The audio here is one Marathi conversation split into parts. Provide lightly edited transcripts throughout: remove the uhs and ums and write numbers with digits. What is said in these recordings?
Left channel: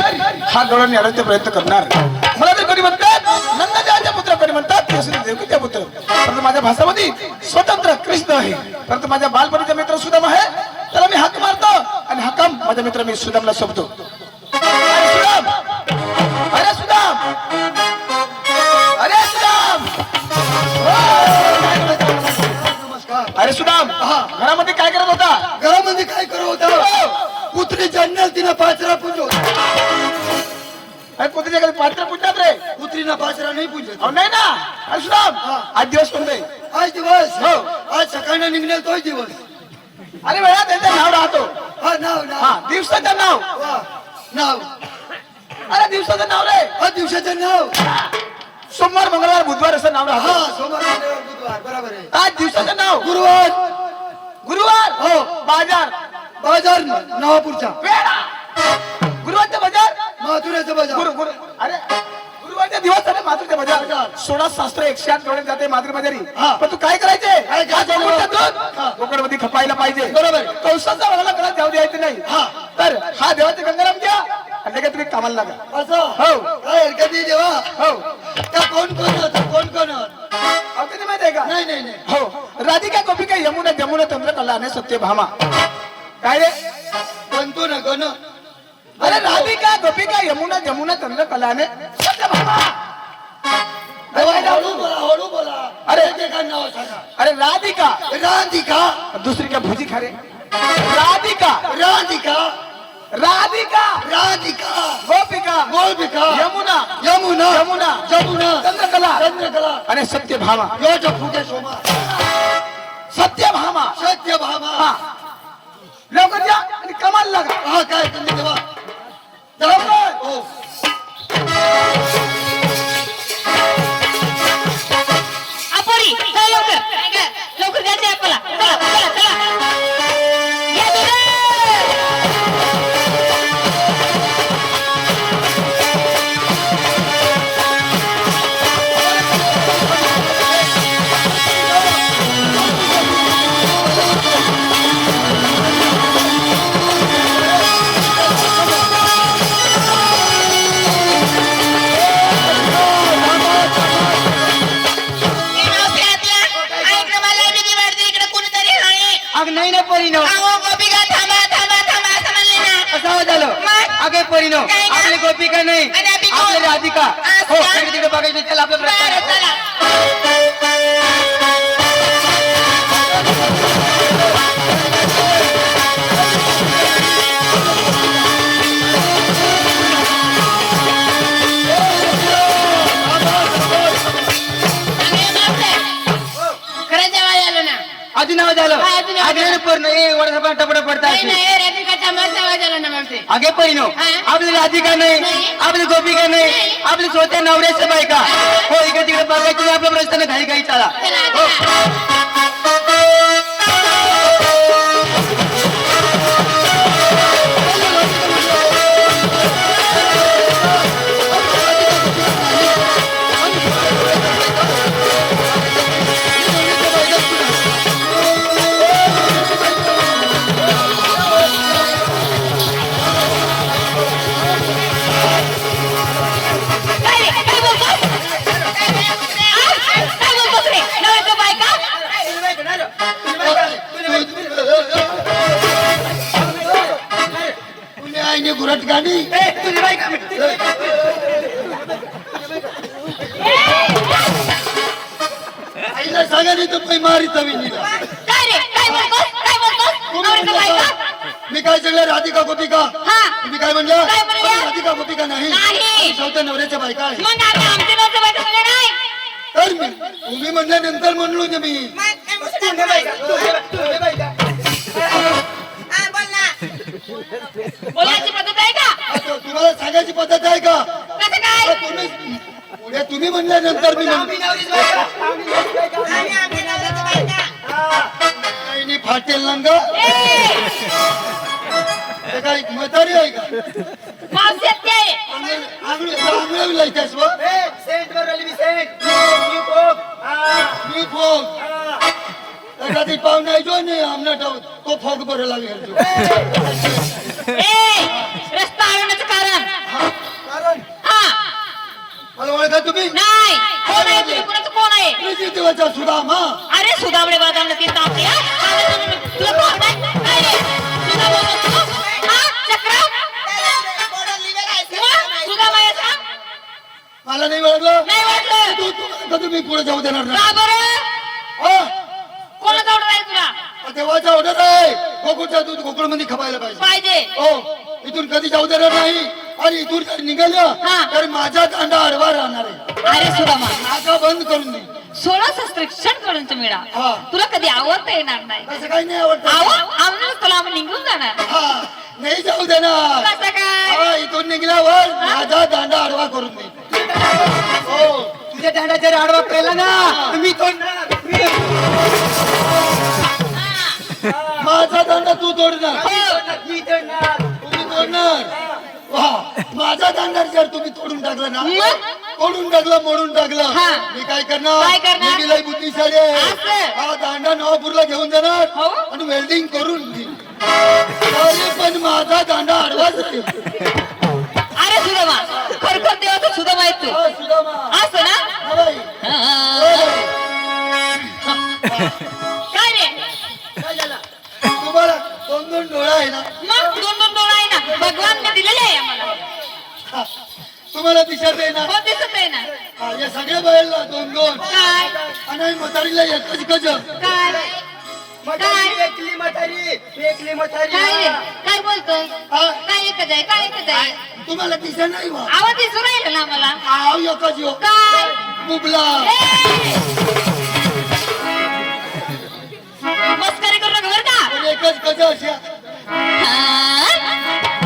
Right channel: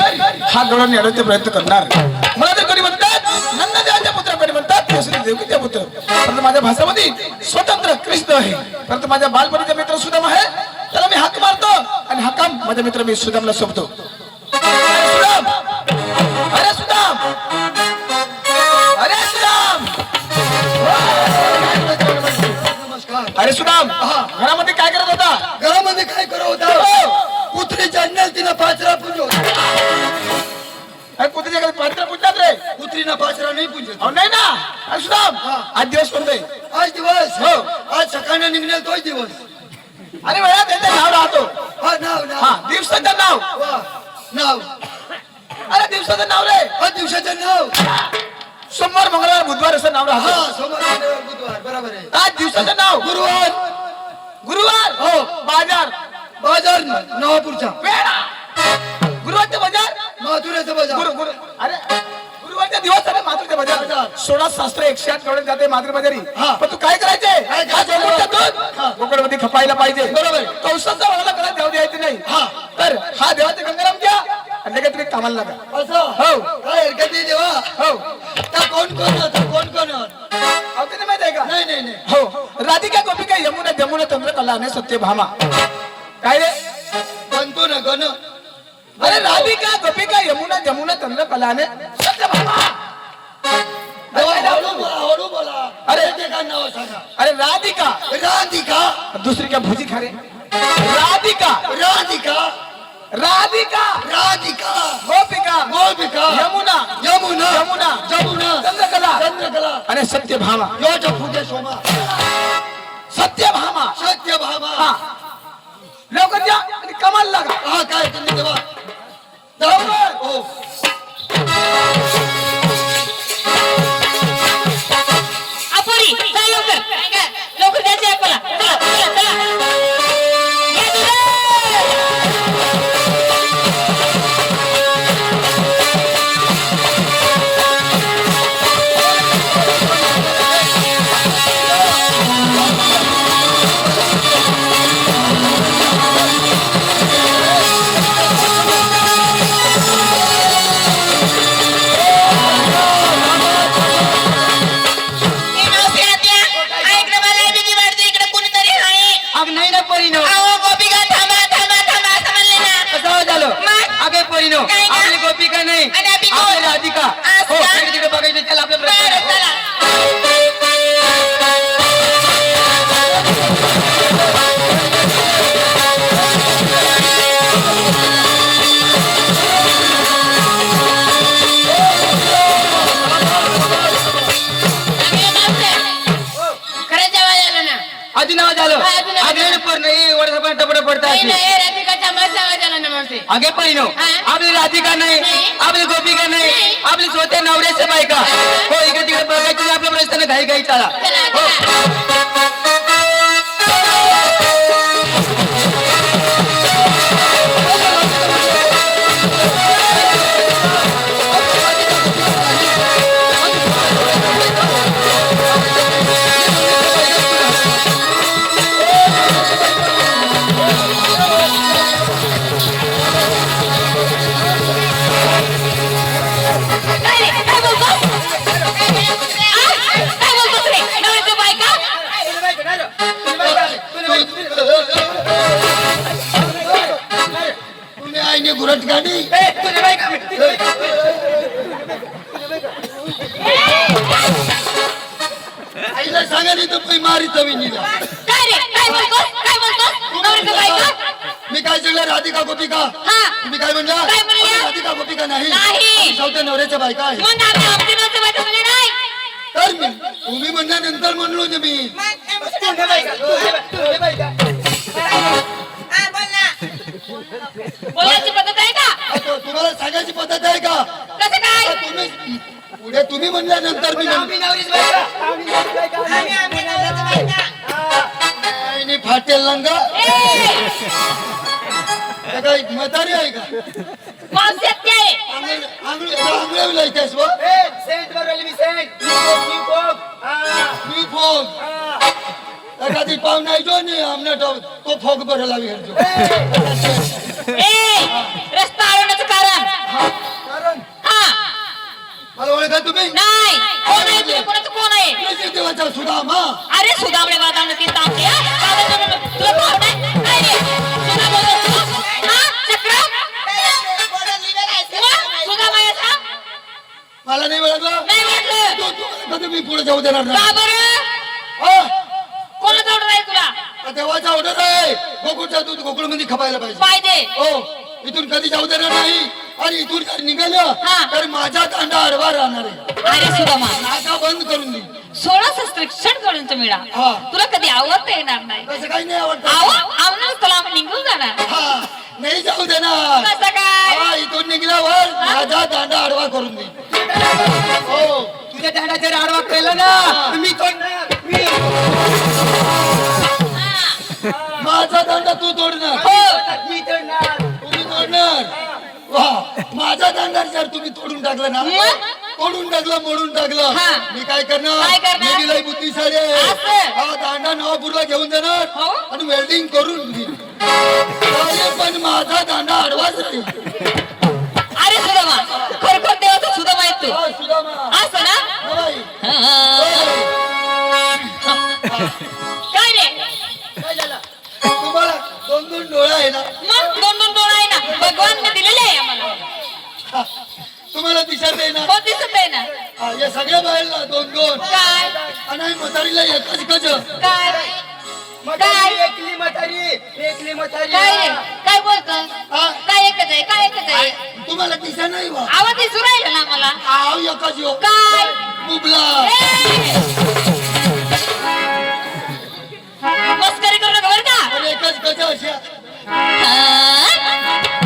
हा गवळण नेण्याचा प्रयत्न करणार. मला तर कोणी म्हणतात नंददेवाच्या पुत्र, कोणी म्हणतात केसरी देवकीचा पुत्र. परंतु माझ्या भाषामध्ये स्वतंत्र कृष्ण आहे. परंतु माझ्या बालपणीचा मित्र सुदाम आहे, त्याला मी हाक मारतो आणि हाकाम माझा मित्र मी सुदामला सोबतो. अरे सुदाम, अरे सुदाम, अरे सुदाम, अरे सुदाम, घरामध्ये काय करत होता? घरामध्ये काय करत होता? कुत्री जन्नल तिला पाचरा पूजो. कुत्रीच्या घरी पात्र पूजतात रे, कुत्रीना पाचरा नाही पूजत. नाही ना. अरे सुदाम, आज दिवस कोणता आहे? आज दिवस हो. आज सकाळी निघणार तोच दिवस. अरे वेळा त्यांचं नाव राहतो. हा नाव नाव दिवसाचं नाव. वा नाव. अरे दिवसाचं नाव रे. हा दिवसाचं नाव. सोमवार, मंगळवार, बुधवार असं नाव हा राहतं. सोमवार मंगळवार बुधवार बरोबर आहे. आज दिवसाचं नाव गुरुवार. गुरुवार. हो. बाजार. बाजार नवापूरचा. वेळा गुरुवारचा बाजार. मथुरेचा बाजार. गुरु अरे गुरुवारचा दिवस आहे मातृच्या बाजार. 16 शास्त्र 108 करून जाते मातृ बाजारी. पण तू काय करायचे? कोकणमध्ये खपायला पाहिजे. बरोबर. कौशाचा वगळा कला देव द्यायचं नाही. तर हा देवाचे गंगाराम घ्या आणि लगेच तुम्ही कामाला लागा. असं हो. काय हरकत नाही देवा. हो. त्या कोण कोण होतं? कोण कोण आपल्याला माहित आहे का? नाही नाही नाही. हो. राधिका गोपिका यमुना जमुना चंद्रकला आणि सत्यभामा. काय रे? बनतो ना गण. अरे राधिका गोपिका यमुना जमुना चंद्रकला आणि सत्यभामा. हळू बोला हळू बोला. अरे ते काय नाव सांगा. अरे राधिका. राधिका. दुसरी क्या भुजी खा रे? राधिका. राधिका. राधिका. राधिका. गोपिका. गोपिका. यमुना. यमुना. यमुना. जमुना. चंद्रकला. चंद्रकला. आणि सत्यभामा. योचा फुटे सोमा. सत्यभामा. सत्यभामा. हा. लवकर या आणि कमाल लागा. हा काय तुम्ही देवा. लवकर. हो. अपुरी चला लवकर. लवकर जायचं आपल्याला. चला चला चला. या दुरा. आपली गोपिका नाही आपली राधिका. हो तिकडे बघायचं. चला आपल्या आधी नाव झालं. आधी पूर्ण वडा टपडा पडतात. आगे परिणव. आपली राधिका नाही आपली गोपिका नाही आपली स्वतः नवऱ्याच्या बायका. हो इकडे तिकडे बघायचं. आपल्या प्रश्न घाई घाई चला. घुरट गाडी. आईला सांगा नाही तर काही मारी तवी निघा. मी काय सांगलं? राधिका गोपिका. तुम्ही काय म्हणलं? राधिका गोपिका नाही चौथ्या नवऱ्याच्या बायका आहे. तर मी तुम्ही म्हणल्यानंतर म्हणलो ना मी. बोलायची पद्धत आहे का? तुम्हाला सांगायची पद्धत आहे का? कसं काय? तुम्ही पुढे तुम्ही म्हणल्यानंतर मी फाटेल लंगा. काय म्हातारी आहे का? आंगळवलं इथेच व मी फोग एखादी पाहुणा येतो आणि आमना तो फोग बरं लावी घरतो. रस्ता अडवण्याचं कारण तुम्ही नाही कोण आहे तुम्ही कोणाचं कोण आहे कृषी देवाचा सुदामा अरे सुदामडे बाजारनं ती तापते तुला भाव नाही काय रे सुदा बोलत तू हा चक्र सुदामा याचा मला नाही वाटलं नाही वाटलं कधी मी पुढे जाऊ देणार नाही का बरं हा कोणाचं ऑर्डर आहे तुला देवाचा ऑर्डर आहे गोकुळचं दूध गोकुळमध्ये खपायला पाहिजे पाहिजे हो इथून कधी जाऊ देणार नाही आणि इथून कधी निघालं हा. तर माझा दांडा आडवा राहणार आहे अरे सुदामा माझा बंद करून दे 16 शिक्षण करून मिळा हा. तुला कधी आवडता येणार नाही कसं काही नाही आवडत आम्हाला तुला आम्ही निघून जाणार हा नाही जाऊ देणार कसं काय हा इथून निघल्यावर माझा दांडा आडवा करून दे हो तुझ्या दांडा जर आडवा केला ना मी तोडणार माझा दांडा तू तोडणार मी तोडणार तुम्ही तोडणार वा माझा दांडा जर तुम्ही तोडून टाकलं ना मग? तोडून टाकलं मोडून टाकलं हा. मी काय करणार काय करणार? मी लई बुद्धिशाली आहे असं? हा दांडा नवापूरला घेऊन जाणार हो? आणि वेल्डिंग करून घेईन चालेल, पण माझा दांडा आडवाच राहील अरे सुदामा खरोखर देवाचा सुदामा आहे तू हा, सुदामा. असं ना हा, बाई. काय रे काय झालं? तुम्हाला दोन दोन डोळे आहे ना मग दोन दोन डोळा आहे ना भगवानने दिलेले आहे आम्हाला हा. तुम्हाला दिसत आहे ना हो दिसत आहे ना हा, या सगळ्या बाहेरला दोन दोन काय आणि म्हातारीला एकच गज काय म्हातारी एकली म्हातारी एकली म्हातारी काय रे काय बोलतोय हा. काय एकच आहे काय एकच आहे तुम्हाला दिसा नाही वा आवाज दिसू राहिला ना मला आव एकच यो काय बुबला मस्करी करू नका बरं का पण एकच गज अशा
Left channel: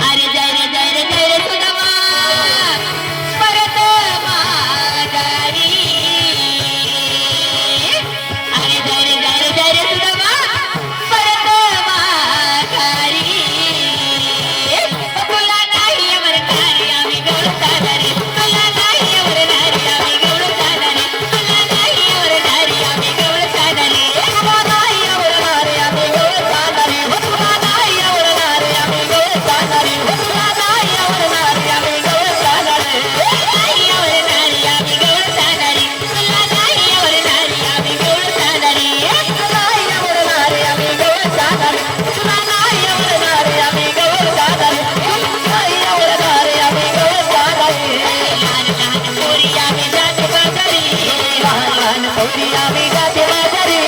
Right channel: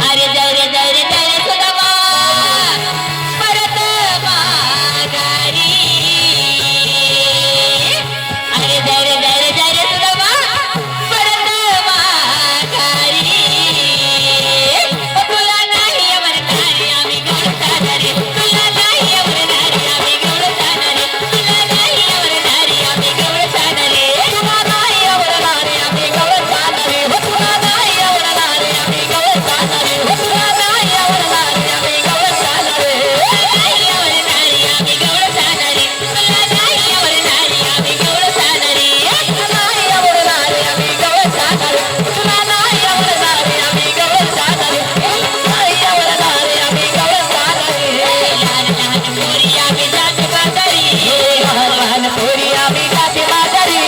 अरे जय रे सुदामा परत माघारी अरे जय रे सुदामा परत माघारी तुला नाही अमरणारी आम्ही गवळण जाणारी तुला नाही अमरणारी आम्ही गवळण जाणारी तुला नाही अमरणारी आम्ही गवळण जाणारी तुला नाही अमरणारी आम्ही गवळण जाणारी तुला नाही अमरणारी आम्ही गवळण जाणारी तुला नाही अमरणारी आम्ही गवळण जाणारी नाही अमरणारी आम्ही गवळण जाणारी तुला नाही अमरणारी आम्ही गवळण जाणारी नाही अमरणारी आम्ही गवळण जाणारी तुला नाही अमरणारी आम्ही गवळण जाणारी नाही अमरणारी आम्ही गवळण जाणारी लहान लहान पोरी आम्ही जाते बाजारी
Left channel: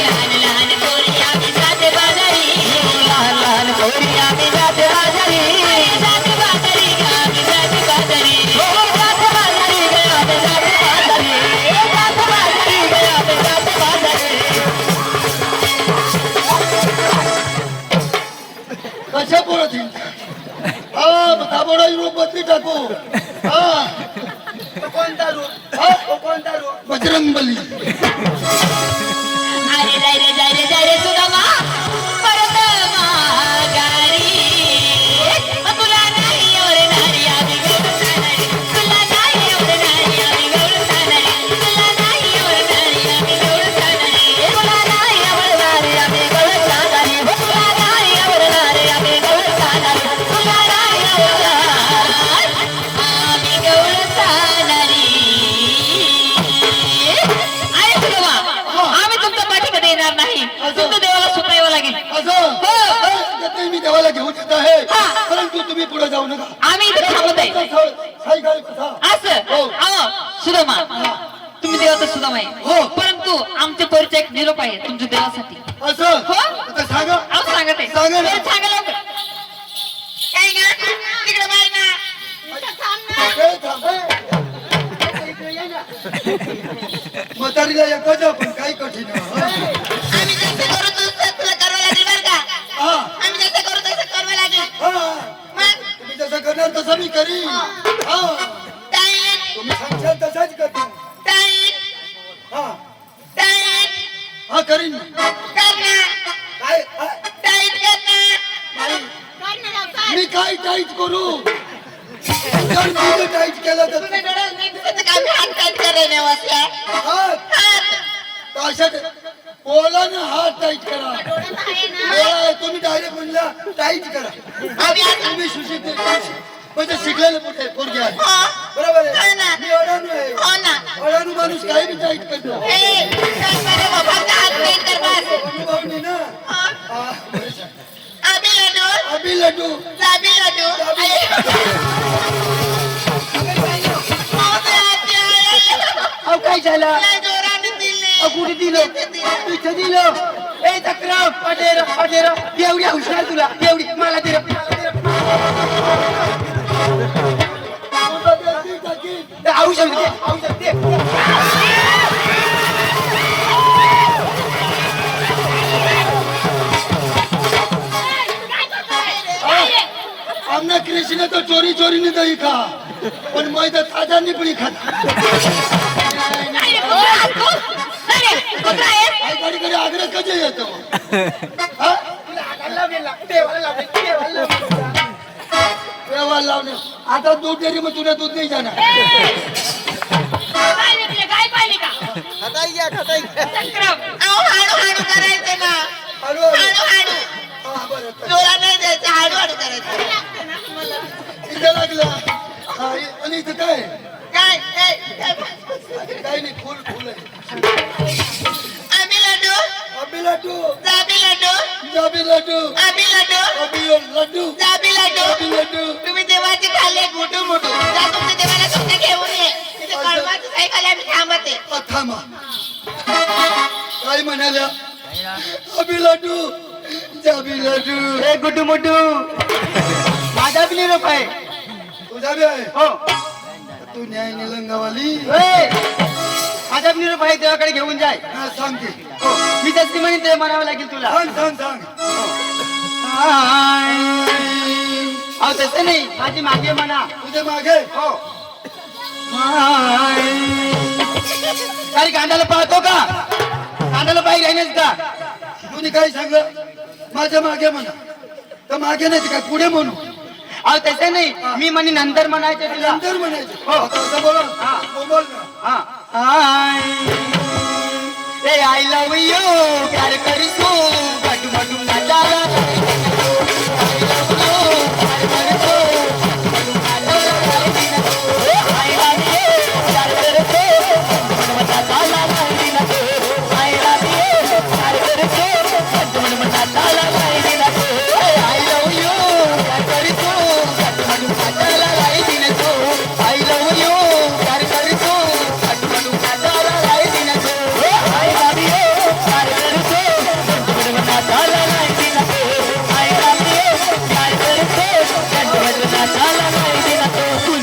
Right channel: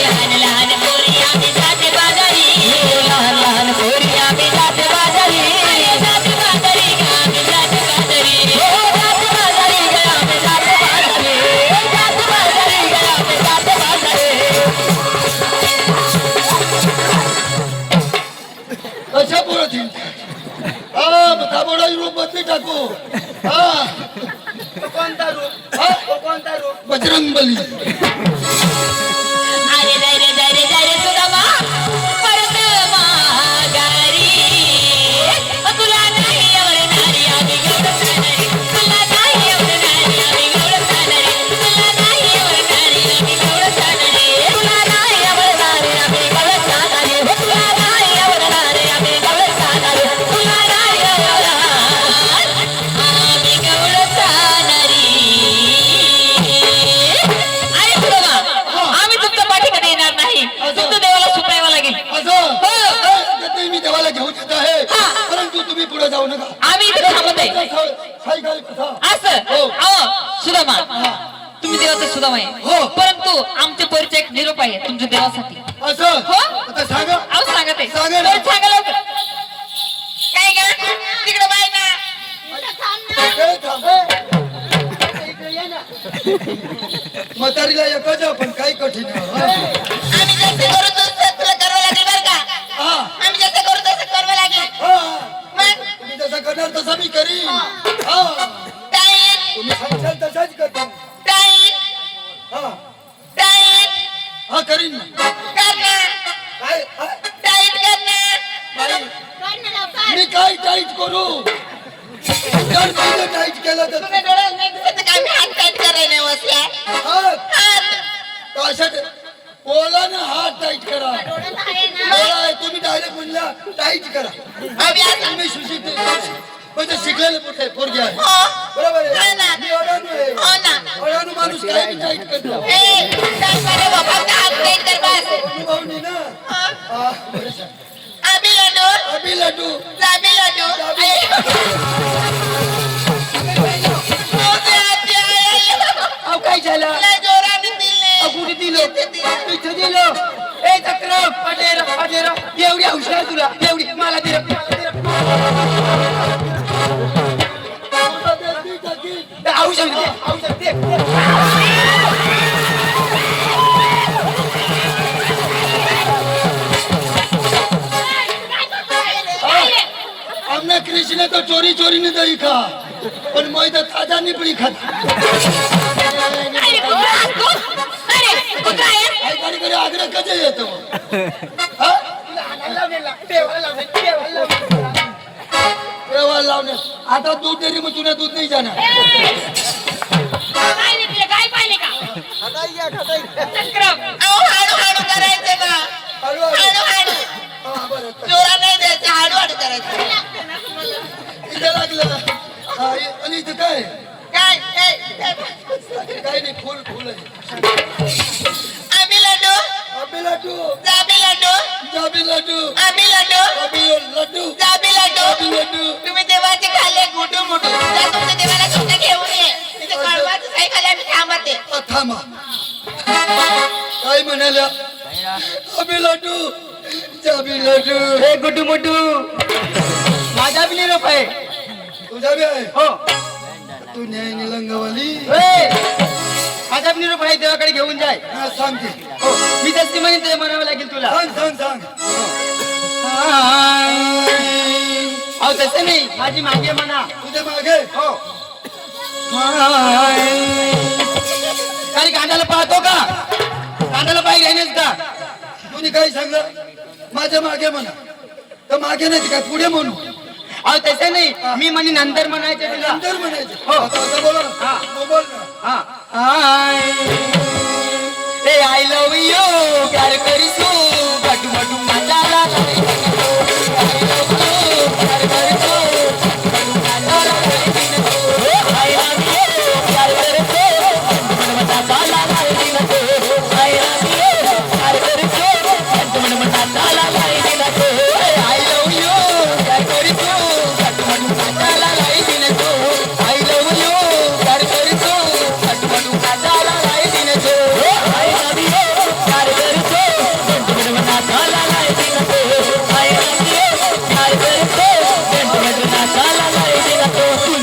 लहान लहान पोरी आम्ही जाते बाजारी लहान लहान पोरी आम्ही जाते बाजारी जाते बाजारी आम्ही जाते बाजारी जाते बाजारी आम्ही जाते बाजारी जाते बाजारी कशा बोलत हा ताबडा रूप बदली टाकू हा कोणता रूप हा? कोणता रूप बजरंग बली अरे जय रे सुदामा परत माघारी तुला नाही अमरणारी आम्ही गवळण जाणारी तुला नाही अमरणारी आम्ही गवळण जाणारी तुला नाही अमरणारी आम्ही गवळण जाणारी तुला नाही अमरणारी आम्ही गवळण जाणारी तुला नाही अमरणारी आम्ही गवळण जाणारी तुला नाही अमरणारी आम्ही गवळण जाणारी आहे सुदामा आम्ही तुमच्या पाठी कधी येणार नाही तुमच्या देवाला सुटायला लागेल असं हो. ते मी देवाला घेऊन येत आहे हा. परंतु तुम्ही पुढे जाऊ नका आम्ही इथे थांबत आहे काही काही कथा असं हो. सुदामा तुम्ही देवाचा सुदामा आहे हो. परंतु आमचे परिचय एक निरोप आहे तुमच्या देवासाठी असं हो. आता सांगा अहो सांगत आहे सांगा ना. बरं, सांगा लवकर काय ग तिकडे बाय ना ए, थांब. म्हातारीला एकच पण काही कठीण आहे. आम्ही जसं करू तसं तुला करावं लागेल बरं का हा आम्ही जसं करू तसं करावं लागेल हा मग तुम्ही जसं करणार तसं मी करीन हा टाईट तुम्ही सांगशाल तसाच करतो टाईट हा टाईट हा करीन ना. करणार काय हा? टाईट करणार बाई, मी काय टाईट करू जर तुझं टाईट केलं तर तुम्ही डोळ्यात नाही दिसत का मी हात टाईट करायला बसल्या हात हात तर अशा बोला ना हात टाईट करा डोळा आहे, तुम्ही डायरेक्ट म्हणला टाईट करा अभ्यास तुम्ही सुशिक्षित म्हणजे शिकलेले मोठे पोरगे आहे हो. बरोबर हा आहे ना. मी अडाणू आहे हो ना. अडाणू माणूस काही बी टाईट करतो ए, चल बरं गं, फक्त हात नीट कर बस. अनुभव नाही ना हा. हा, बरं सांग. आबी लाडू, अबी लड्डू जाबी लाडू. मोठे आते आहे. अहो काय झालं लय जोराने दिले. कुठे दिलं इथे दिलं ए चक्र पटेर एवढी हुशार तुला एवढी मला दे औषध दे आमना कृष्ण तो चोरी चोरी ने दही खा पण मैं तो ताजा निपड़ी खाता अरे कुठं आहेस तू? अरे कुठं आहेस? आई गाडी कडे आग्रह कधी येतो हा? देवाला लावणे आता दूध डेअरी मग तुला दूध नाही जाणार काय निघले? काय पाहिले का? चक्रम. अहो, हळूहळू करायचे ना. हळूहळू. हळूहळू. हा, बरं. जोरात नाही द्यायचं, हळूहळू करायचं. इथे लागलं हा, आणि इथे काय काय? काही नाही फुल फुल आहे आम्ही लाडू, अबी लड्डू जाबी लाडू, जाबी लड्डू आम्ही लाडू, अबी लड्डू जाबी लाडू. अबी लड्डू तुम्ही देवाचे खाल्ले मोठू मोठू. जा तुमच्या देवाला तुमच्या घेऊन ये. तिथे कळवाचं काही खाल्लं मी थांबते. थांबा काय म्हणाल्या अबी लड्डू जाबी लड्डू ए गुड्डू मोठू माझा बी निरोप आहे तुझा बी आहे हो तू न्याय निलंगावाली ए, माझा बी निरोप आहे देवाकडे घेऊन जाय हा सांगते हो मी तशी म्हणजे म्हणावं लागेल तुला सांग सांग सांग अहो तसं नाही माझी मागे म्हणा तुझे मागे हो अरे कांद्याला पाहतो का कांद्याला पाय घ्यायनेच का तुम्ही काय सांगलं माझ्या मागे म्हणा तर मागे नाही काय पुढे म्हणू अहो तसं नाही मी म्हणे नंतर म्हणायचं तुला नंतर म्हणायचं हो. आता बोला हा. हो, बोल ना ए आय लव यू प्यार करसू बटू बटू मजाला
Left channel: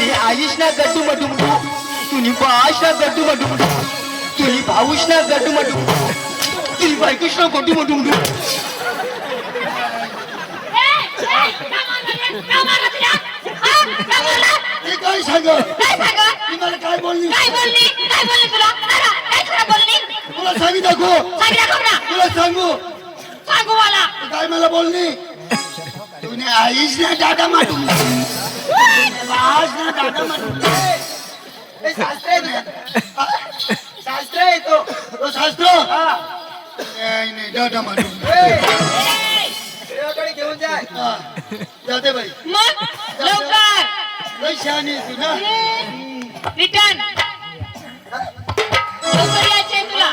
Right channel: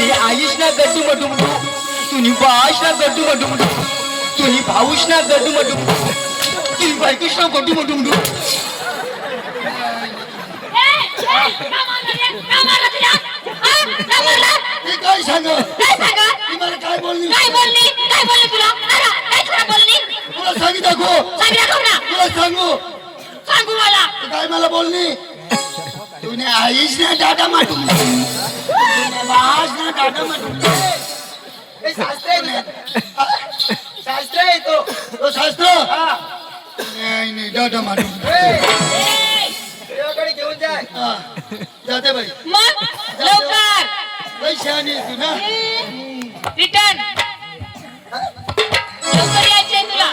गड्डू मडू तुम्ही बाश ना गड्डू मडू तुम्ही भाऊश ना गड्डू मडू तुम्ही बायकुश ना गड्डू मडू हे काय सांग ती मला काय बोलली तुला सांगी दाखव तुला सांगू सांगू मला. तू काय मला बोलली तुने आईश ने डाटा माटून बाज ने डाटा माटून शास्त्र आहे तो तो शास्त्र नाही डाटा माटून देवाकडे घेऊन जाय हा जाते बाई मग लवकर लई शहाणी आहे तू ना रिटर्न लवकर यायचंय तुला.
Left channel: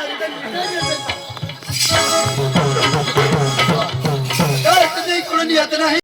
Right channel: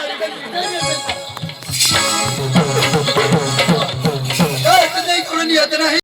काय इकडून येत नाही